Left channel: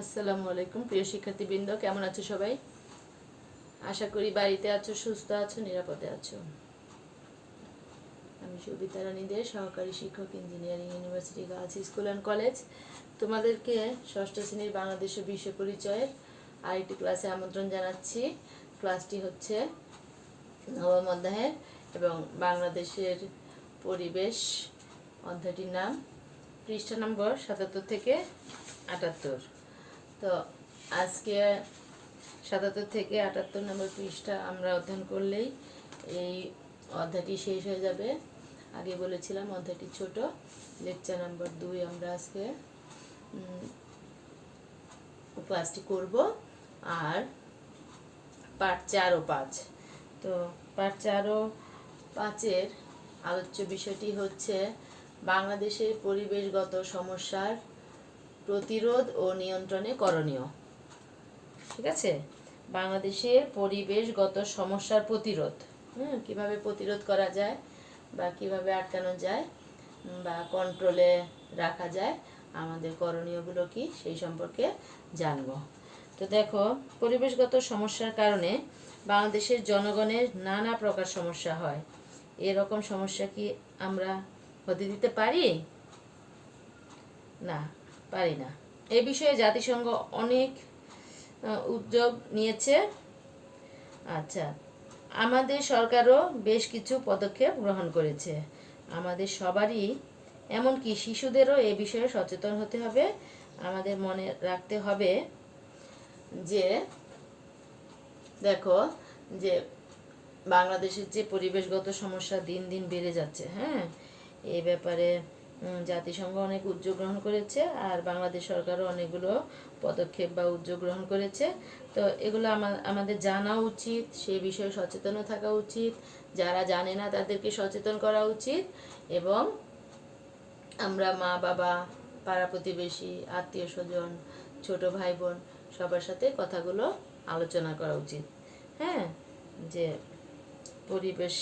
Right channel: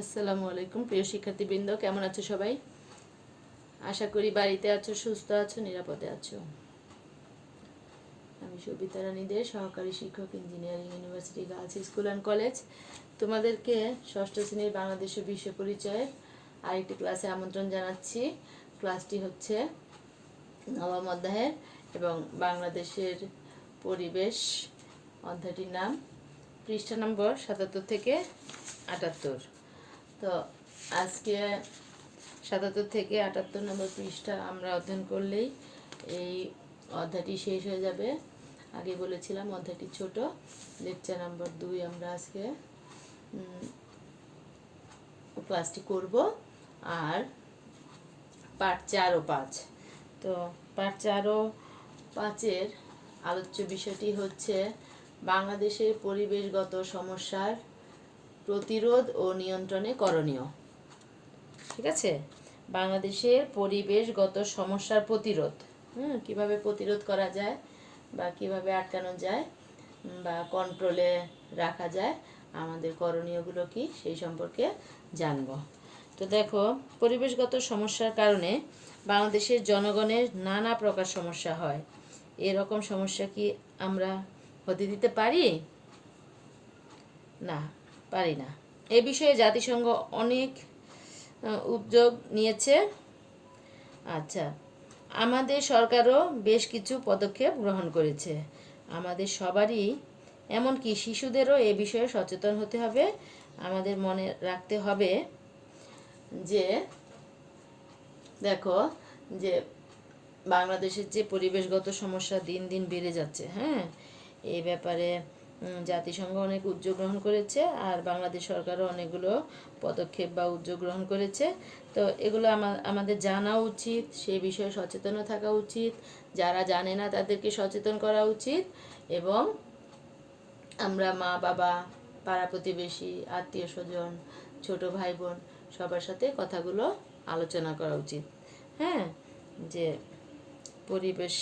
আসসালামু আলাইকুম প্রিয় শিক্ষার্থীবৃন্দ, কেমন আছো সবাই? আশা করি বাড়িতে আছো, সুস্থ আছো, নিরাপদে আছো। আমি সবিতা রানী দে, সহকারী শিক্ষক, engineering university girls school and college. তোমাদেরকে ষষ্ঠ শ্রেণীর বাংলাদেশের বিশ্ব পরিচয়ের আরেকটি ক্লাসে আমন্ত্রণ জানাচ্ছি। ক্লাসটি হচ্ছে নবম অধ্যায়ের এবং বাংলাদেশের পরিবেশ অধ্যায়টির নাম, পৃষ্ঠা নম্বর ৭৭ থেকে ৭৮। তো আজকে ৭৭ থেকে ৭৮ নম্বর পৃষ্ঠা আমরা অধ্যয়ন করলেই এই অধ্যায়টি শেষ হয়ে যাবে। আগে বলেছিলাম অধ্যায়টি ছোট, লেকচার নাম্বার 2 আমরা আজকে ক্লাসটি করব। আর পার্ট 4 ও 5, তো পার্ট 4 ও 5-এর আলোচ্য বিষয়টি হচ্ছে বাংলাদেশের পরিবেশগত সমস্যার প্রতিরোধ ও নিয়ন্ত্রণে করণীয়। ঠিক আছে, বাংলাদেশের পরিবেশগত সমস্যার প্রতিরোধ, কিভাবে প্রতিরোধ করা যায় বা কিভাবে আটকানো যায় বা কন্ট্রোলে রাখা যায়, আমাদের করণীয়গুলো কি সেই সম্পর্কে জানব। তো দেখো, পরিবেশগত সমস্যার কারণে বাংলাদেশের জনগণের নানা প্রকার সমস্যা হয়। এরকম সমস্যা কি আমরা হতে দিতে পারি? না, পারি না। এ বিষয়ে জাতিসংঘ অনেক উদ্যোগ নিয়েছে। আচ্ছা, আমাদের সরকারও বেশ কিছু পদক্ষেপ গ্রহণ করেছে। আমাদের সবারই, এমনকি শিশুদেরও এ বিষয়ে সচেতন হতে হবে। আমাদের মনে রাখতে হবে যে দেখো, যে বাংলাদেশের যে পরিবেশগত সমস্যা দিন দিন বেড়ে যাচ্ছে, এই ব্যাপারে জাতিসংঘ অনেক উদ্যোগ গ্রহণ করেছে, আর বাংলাদেশ সরকারও অনেকগুলো পদক্ষেপ বা উদ্যোগ গ্রহণ করেছে। তো এগুলো আমাদের জানা উচিত, সেই বিষয়ে সচেতন থাকা উচিত। যারা জানে না তাদেরকে সচেতন করা উচিত, এবং আমরা মা বাবা, পাড়া প্রতিবেশী, আত্মীয় স্বজন, ছোট ভাই বোন সবার সাথে কথাগুলো আলোচনা করা উচিত। যে পরিবেশ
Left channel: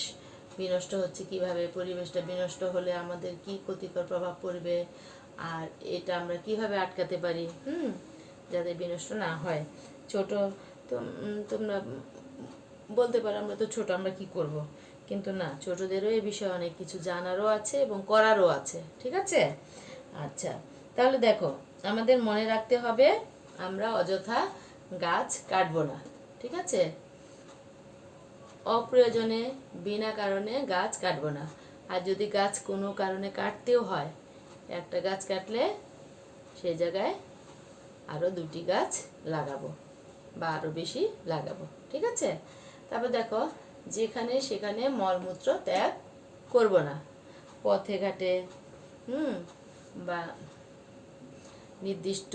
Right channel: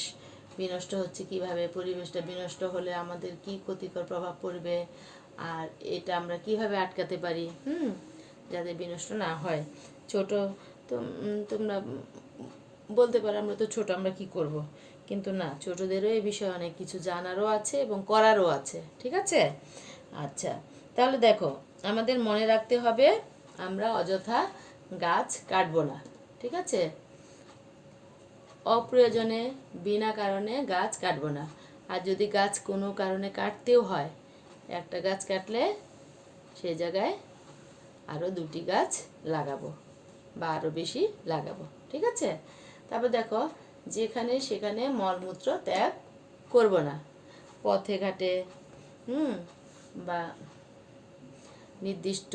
বিনষ্ট হচ্ছে কিভাবে, পরিবেশটা বিনষ্ট হলে আমাদের কি ক্ষতিকর প্রভাব পড়বে, আর এটা আমরা কিভাবে আটকাতে পারি যাতে বিনষ্ট না হয়। ছোট তো তোমরা বলতে পারো আমরা তো ছোট, আমরা কি করব, কিন্তু না, ছোটদেরও এই বিষয়ে অনেক কিছু জানারও আছে এবং করারও আছে। ঠিক আছে? আচ্ছা, তাহলে দেখো, আমাদের মনে রাখতে হবে আমরা অযথা গাছ কাটবো না। ঠিক আছে? অপ্রয়োজনে বিনা কারণে গাছ কাটবো না। আর যদি গাছ কোনো কারণে কাটতেও হয়, একটা গাছ কাটলে সেই জায়গায় আরও 2টি গাছ লাগাবো বা আরও বেশি লাগাবো। ঠিক আছে? তারপর দেখো, যেখানে সেখানে মলমূত্র ত্যাগ করব না। পথে ঘাটে বা নির্দিষ্ট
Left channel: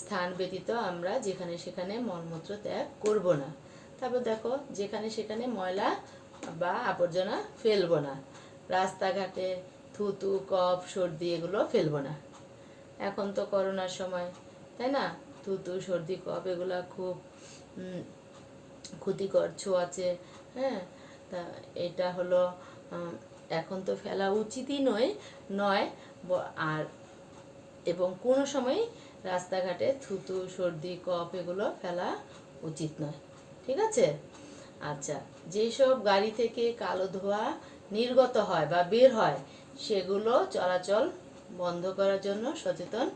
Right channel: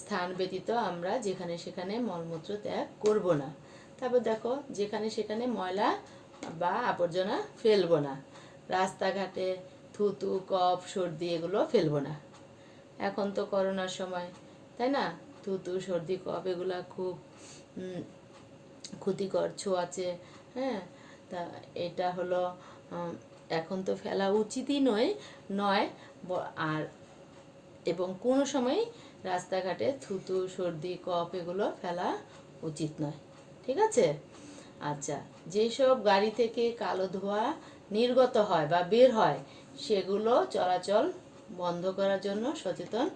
স্থান ব্যতীত আমরা যেখানে সেখানে মলমূত্র ত্যাগ করব না। তারপর দেখো, যেখানে সেখানে ময়লা বা আবর্জনা ফেলবো না। রাস্তাঘাটে থুতু, কফ, সর্দি এগুলো ফেলবো না। এখন তো করোনার সময়, তাই না? থুতু, সর্দি, কফ এগুলো খুব ক্ষতিকর ছোঁয়াচে। তা এটা হলো, এখন তো ফেলা উচিতই নয়। আর এবং কোনো সময় রাস্তাঘাটে থুতু, সর্দি, কফ এগুলো ফেলা উচিত নয়। ঠিক আছে? আচ্ছা, যেসব গাড়ি থেকে কালো ধোঁয়া নির্গত হয় বা বের হয়, সেগুলো চলাচল বন্ধ করার জন্য সচেতন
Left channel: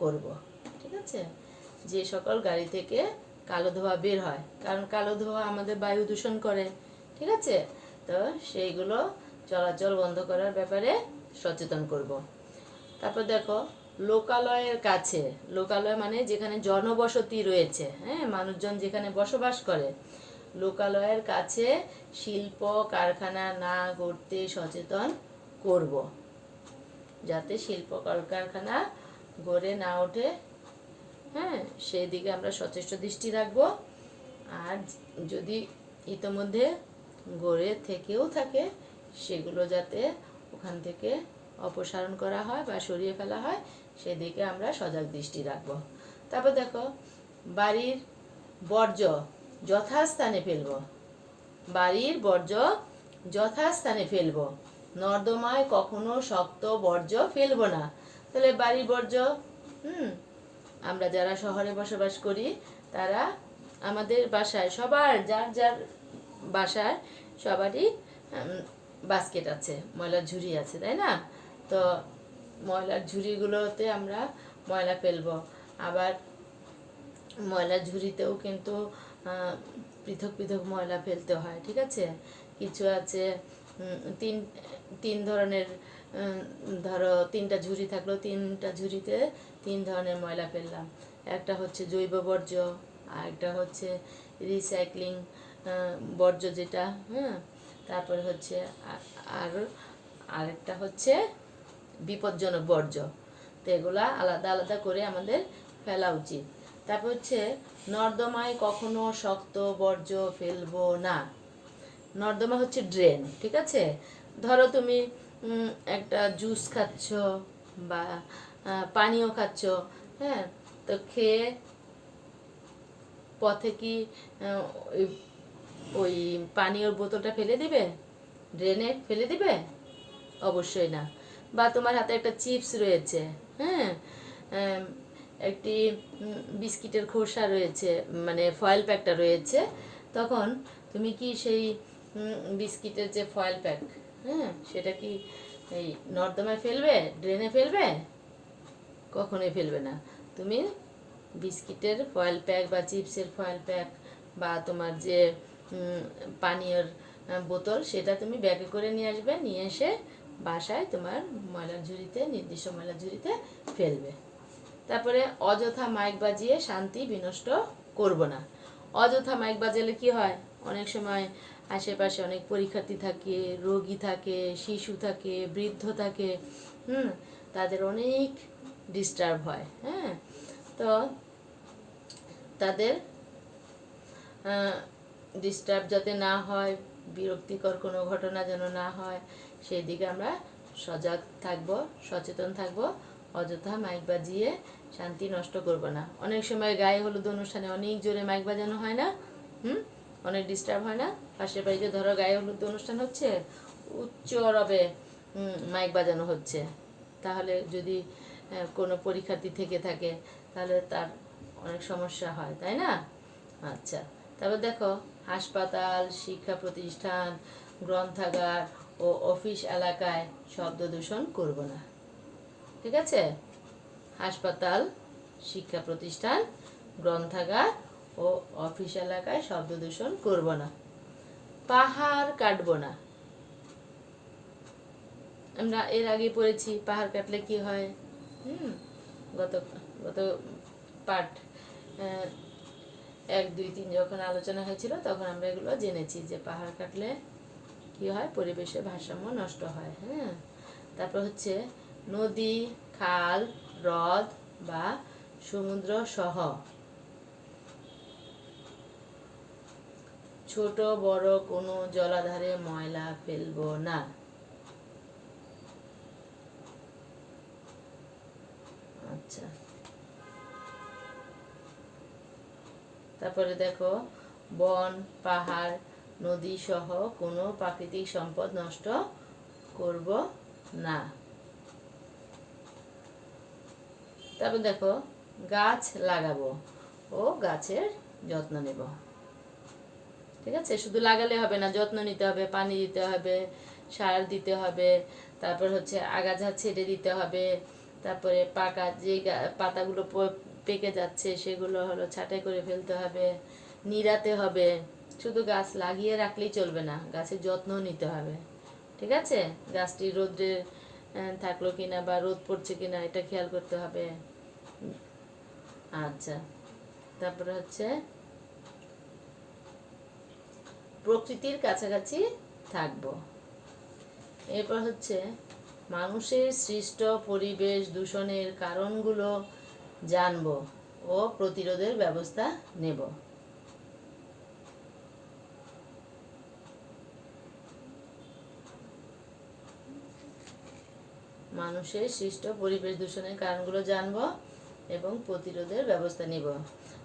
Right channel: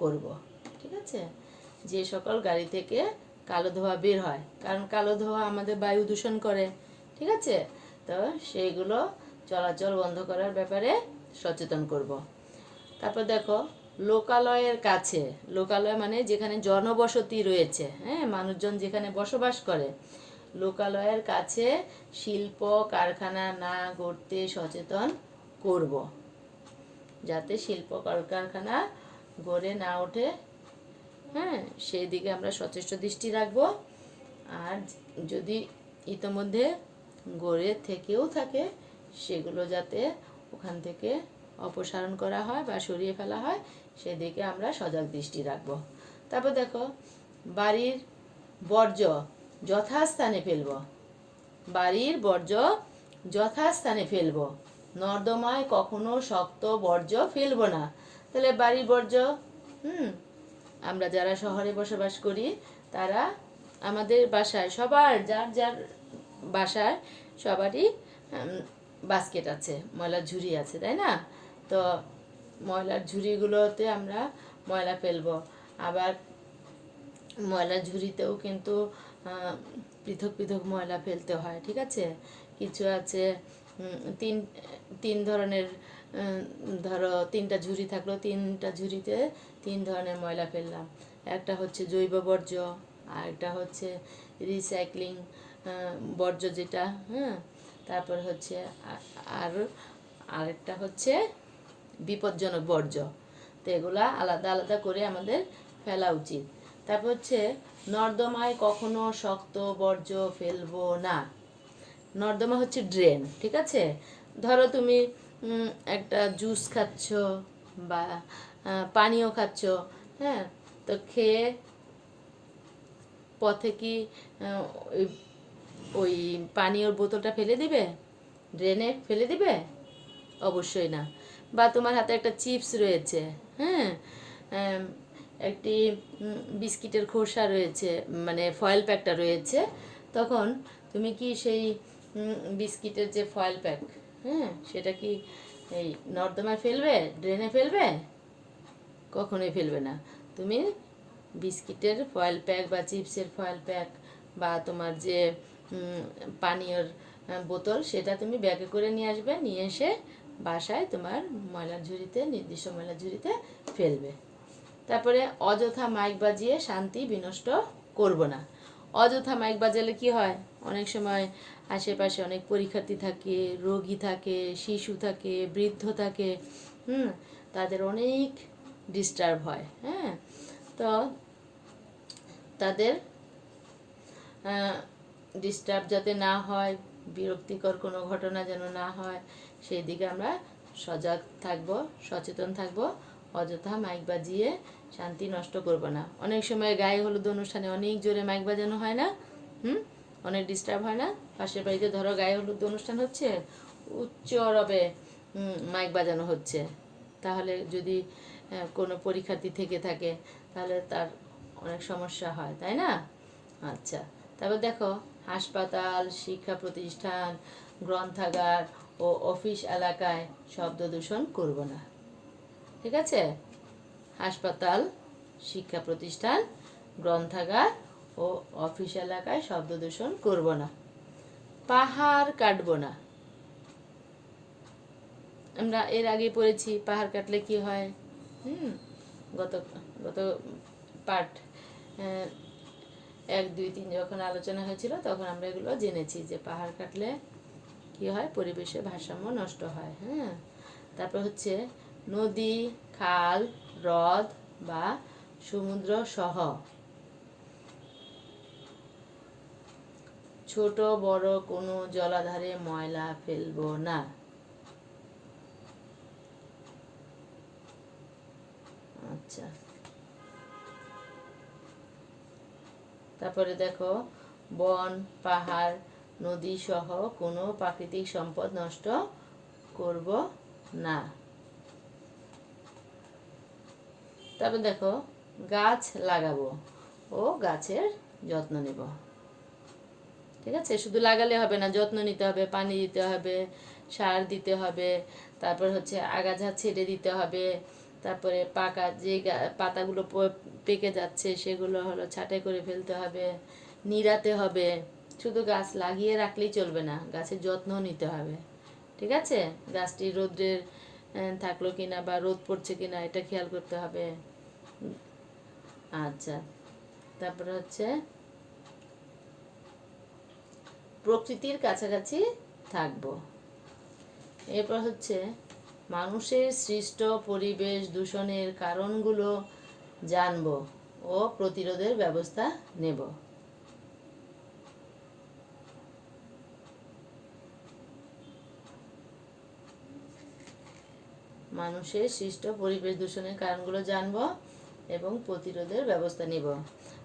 করব। ঠিক আছে? যে সকল গাড়ি থেকে কালো ধোঁয়া বের হয়, কারণ কালো ধোঁয়া আমাদের বায়ু দূষণ করে। ঠিক আছে? তো সেইগুলো চলাচল বন্ধ করার ব্যাপারে সচেতন করব। তারপর দেখো, লোকালয়ের কাছে, লোকালয় মানে যেখানে জনবসতি রয়েছে, মানুষজন যেখানে বসবাস করে, লোকালয়ের কাছে শিল্প কারখানা না গড়তে সচেতন করব, যাতে শিল্প কলকারখানা গড়ে না ওঠে। সেই দিকে আমরা সচেষ্ট দৃষ্টি রাখবো। আর যদি ইতোমধ্যে গড়ে থেকেও থাকে, সেগুলো যাতে ওখান থেকে অপসারণ করা হয় বা সরিয়ে ফেলা হয়, সেদিকে আমরা সজাগ দৃষ্টি রাখবো। তারপর দেখো, বাড়ির বর্জ্য যথাস্থানে ফেলব। বাড়ির বর্জ্য যথাস্থানে ফেলব। নর্দমায় কখনো শক্ত বর্জ্য ফেলবো না। তাহলে বাড়ির বর্জ্য আমরা যারা শহরে বসবাস করি তারা আমাদের বাসায় সবার যার যার বাসায় সবারই বাস্কেট আছে, ময়লার ঝুড়ি আছে, তাই না? তো ময়লার ঝুড়িগুলোতে আমরা ময়লা ফেলবো। আবার ময়লার ঝুড়িতেও কিন্তু পৃথক পৃথক ময়লা ফেলতে হয়, ঠিক আছে? কিছু আছে তিন তিন ধরনের, ধরো 3টা ঝুড়ি থাকলো, 3টা ঝুড়িতে 3 ধরনের ময়লা ফেললাম। একটা হচ্ছে জৈব বর্জ্য, আর একটা হচ্ছে রিসাইক্লিং বর্জ্য যেটা, হ্যাঁ, তারপর হচ্ছে আর আরেকটা হচ্ছে বিপজ্জনক বর্জ্য। তো এগুলা আলাদা আলাদা করে আমাদের ফেলা উচিত। তারপর হচ্ছে নর্দমায় কখনো শক্ত বর্জ্য ফেলবো না। নর্দমা হচ্ছে ড্রেন, ঠিক আছে? ধরো তুমি একটা জুস খাচ্ছ বা পানীয় খাচ্ছ, হ্যাঁ, তো খেয়ে পথে কি ওই ওই পানীয়র বোতলটা ফেলে দিবে? ড্রেনে ফেলে দিবে? অবশ্যই না। বা তোমার হাতে একটা চিপস রয়েছে, হ্যাঁ, একটি বিস্কিটের খোসা রয়েছে, মানে ফয়েল প্যাকটা রয়েছে, তখন তুমি কি সেই বিস্কিটের যে ফয়েল প্যাক, হ্যাঁ, সেটা কি এই নর্দমায় ফেলবে, ড্রেনে ফেলবে? কখনোই ফেলবে না। তুমি বিস্কিটের ফয়েল প্যাক বা চিপসের ফয়েল প্যাক বা তোমার যে পানীয়র বোতল, সেটা তুমি ব্যাগে করে নিয়ে আসবে, নিয়ে এসে বাসায় তোমার ময়লার ঝুড়িতে, নির্দিষ্ট ময়লার ঝুড়িতে ফেলবে। তারপরে অযথা মাইক বাজিয়ে শান্তি বিনষ্ট করব না। অযথা মাইক বাজালে কি হয়, অনেক সময় আশেপাশে অনেক পরীক্ষার্থী থাকে, রোগী থাকে, শিশু থাকে, বৃদ্ধ থাকে, তাদের অনেক ডিস্টার্ব হয়, হ্যাঁ। তো তাদের ডিস্টার্ব যাতে না হয়, বিরক্তিকর কোনো ঘটনা যেন না হয়, সেই দিকে আমরা সজাগ থাকব, সচেতন থাকব। অযথা মাইক বাজিয়ে শান্তি নষ্ট করব না। অনেক সময় গায়ে হলুদ অনুষ্ঠানে অনেক জোরে মাইক বাজানো হয় না, অনেক ডিস্টার্ব হয় না? পাশের বাড়িতে ধরো গায়ে হলুদ অনুষ্ঠান হচ্ছে, উচ্চ রবে মাইক বাজানো হচ্ছে, তাহলে যদি কোনো পরীক্ষার্থী থেকে থাকে তাহলে তার অনেক সমস্যা হয়, তাই না? আচ্ছা, তারপর দেখো, হাসপাতাল, শিক্ষা প্রতিষ্ঠান, গ্রন্থাগার ও অফিস এলাকায় শব্দ দূষণ করব না, ঠিক আছে? হাসপাতাল, শিক্ষা প্রতিষ্ঠান, গ্রন্থাগার ও অফিস এলাকায় শব্দ দূষণ করব না। পাহাড় কাটবো না। আমরা এর আগে পড়েছি পাহাড় কাটলে কি হয়, গত গত পার্ট 1, 2, 3 যখন আলোচনা হয়েছিল তখন আমরা এগুলো জেনেছি যে পাহাড় কাটলে কি হয়, পরিবেশের ভারসাম্য নষ্ট হয়, হ্যাঁ। তারপর হচ্ছে নদী, খাল, হ্রদ বা সমুদ্র সহ ছোট বড় কোনো জলাধারে ময়লা ফেলবো না। আচ্ছা, তারপরে দেখো, বন, পাহাড়, নদী সহ কোনো প্রাকৃতিক সম্পদ নষ্ট করব না। তারপর দেখো, গাছ লাগাবো ও গাছের যত্ন নেব, ঠিক আছে? শুধু লাগালে হবে না, যত্ন নিতে হবে, পানি দিতে হবে, সার দিতে হবে, তারপর হচ্ছে আগাছা ছেড়ে দিতে হবে, তারপরে পাকা যে পাতাগুলো পেকে যাচ্ছে সেগুলো হলো ছাঁটাই করে ফেলতে হবে, নিড়াতে হবে। শুধু গাছ লাগিয়ে রাখলেই চলবে না, গাছের যত্ন নিতে হবে, ঠিক আছে? গাছটি রোদ্রে থাকলো কিনা বা রোদ পড়ছে কিনা এটা খেয়াল করতে হবে। আচ্ছা, তারপরে হচ্ছে প্রকৃতির কাছাকাছি থাকবো। এরপর হচ্ছে মানুষের সৃষ্ট পরিবেশ দূষণের কারণগুলো জানব ও প্রতিরোধের ব্যবস্থা নেব। মানুষের সৃষ্ট পরিবেশ দূষণের কারণগুলো জানব এবং প্রতিরোধের ব্যবস্থা নিব।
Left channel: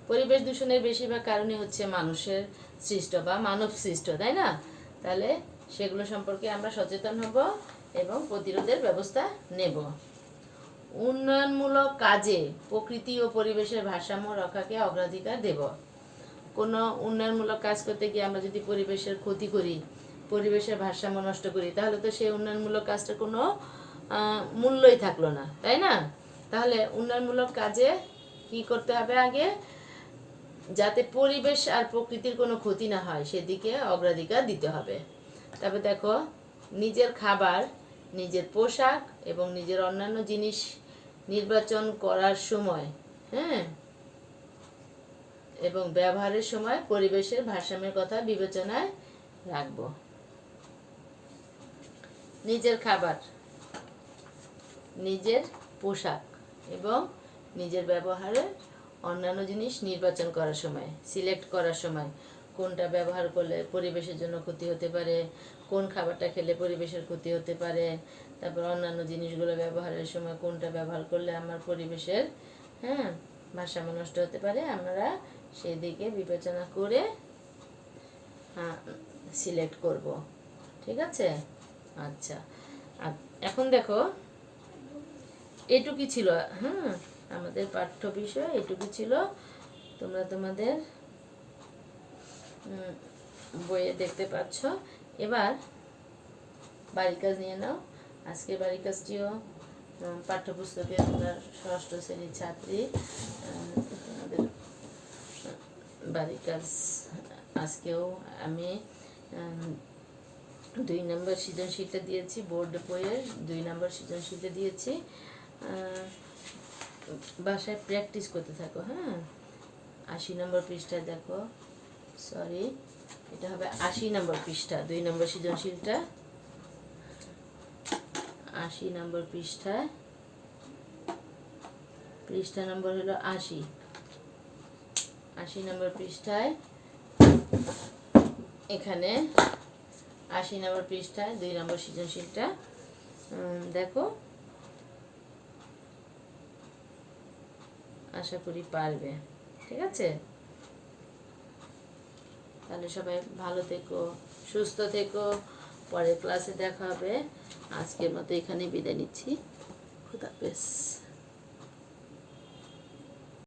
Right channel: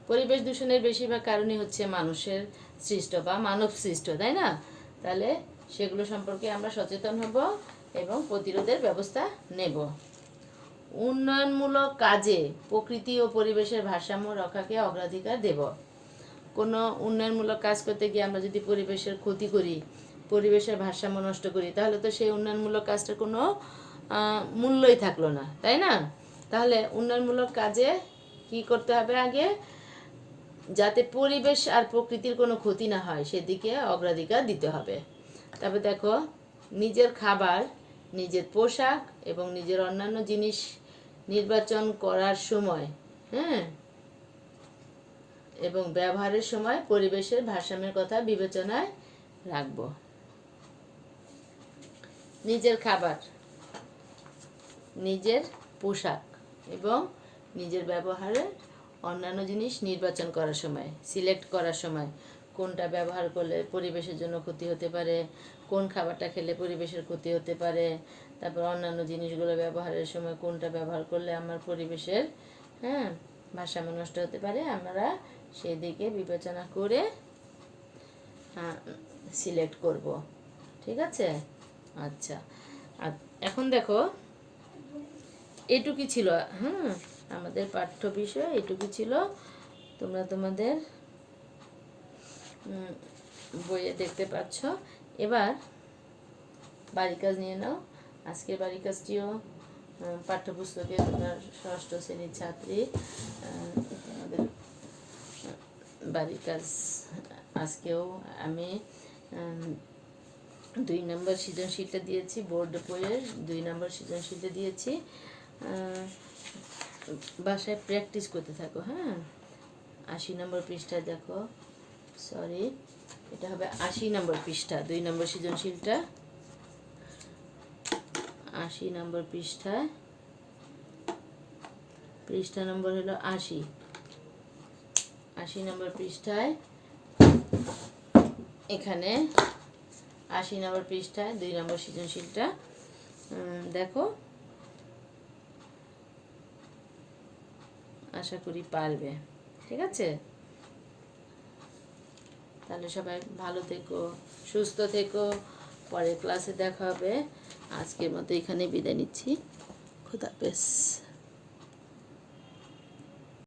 পরিবেশ দূষণের বেশিরভাগ কারণই হচ্ছে মানুষের সৃষ্ট বা মানব সৃষ্ট, তাই না? তাহলে সেগুলো সম্পর্কে আমরা সচেতন হব এবং প্রতিরোধের ব্যবস্থা নেব। উন্নয়নমূলক কাজে প্রকৃতি ও পরিবেশের ভারসাম্য রক্ষাকে অগ্রাধিকার দেব। কোনো উন্নয়নমূলক কাজ করতে গিয়ে আমরা যদি পরিবেশের ক্ষতি করি, পরিবেশের ভারসাম্য নষ্ট করি, তাহলে তো সেই উন্নয়নমূলক কাজটার কোনো মূল্যই থাকলো না, তাই না? তাহলে উন্নয়নমূলক কাজে কি করতে হবে? আগে যাতে পরিবেশ আর প্রকৃতির কোনো ক্ষতি না হয় সেদিকে অগ্রাধিকার দিতে হবে। তবে দেখো, নিজের খাবার, নিজের পোশাক এবং নিজের অন্যান্য জিনিস নির্বাচন করার সময়, হ্যাঁ, এবং ব্যবহারের সময় পরিবেশের ভারসাম্যের কথা বিবেচনায় রাখব। নিজের খাবার, নিজের পোশাক এবং নিজের ব্যবহারের অন্যান্য জিনিস নির্বাচন করার সময়, সিলেক্ট করার সময়, কোনটা ব্যবহার করলে পরিবেশের জন্য ক্ষতি হতে পারে, কোন খাবারটা খেলে পরিবেশের ক্ষতি হতে পারে, তারপর অন্যান্য জিনিসগুলো ব্যবহারের সময় কোনটা ব্যবহার করলে আমার পরিবেশের, হ্যাঁ, ভারসাম্য নষ্ট হতে পারে, আমরা সেদিকে বিবেচনা করে সিলেক্ট করব। ঠিক আছে? আচ্ছা, আর এখন দেখো, এটুকুই ছিল, হ্যাঁ, আমাদের পাঠ্য বিষয় এটুকু ছিল। তোমরা তোমাদের বইয়ে দেখতে পাচ্ছ। এবার বাড়ি কাজ নিয়ে নাও। আজকের বাড়ি কাজটিও পাঠ্যপুস্তকে তোমরা ষষ্ঠ শ্রেণীর ছাত্রী, আমাদের বাড়ি কাজ আজকেও আমি 2 নম্বর সৃজনশীলটা দিয়েছি, বোর্ড বইয়ের 2 নম্বর সৃজনশীলটা দিয়েছি। বাসায় প্র্যাকটিস করতে থাকো, হ্যাঁ। 80 নম্বর পৃষ্ঠায় দেখো, সরি, এটা হবে 80 নম্বর পৃষ্ঠা, 2 নম্বর সৃজনশীলটা 80 নম্বর পৃষ্ঠায়, পৃষ্ঠা নম্বর হলো 80 নম্বর পৃষ্ঠায়, এখানে 80 নম্বর পৃষ্ঠায় 2 নম্বর সৃজনশীলটা দেখো, আশা করি পারবে। ঠিক আছে? তাহলে সবাই ভালো থেকো, সুস্থ থেকো, পরের ক্লাসে দেখা হবে। আজকের মতো এখানেই বিদায় নিচ্ছি। খুদা হাফেজ।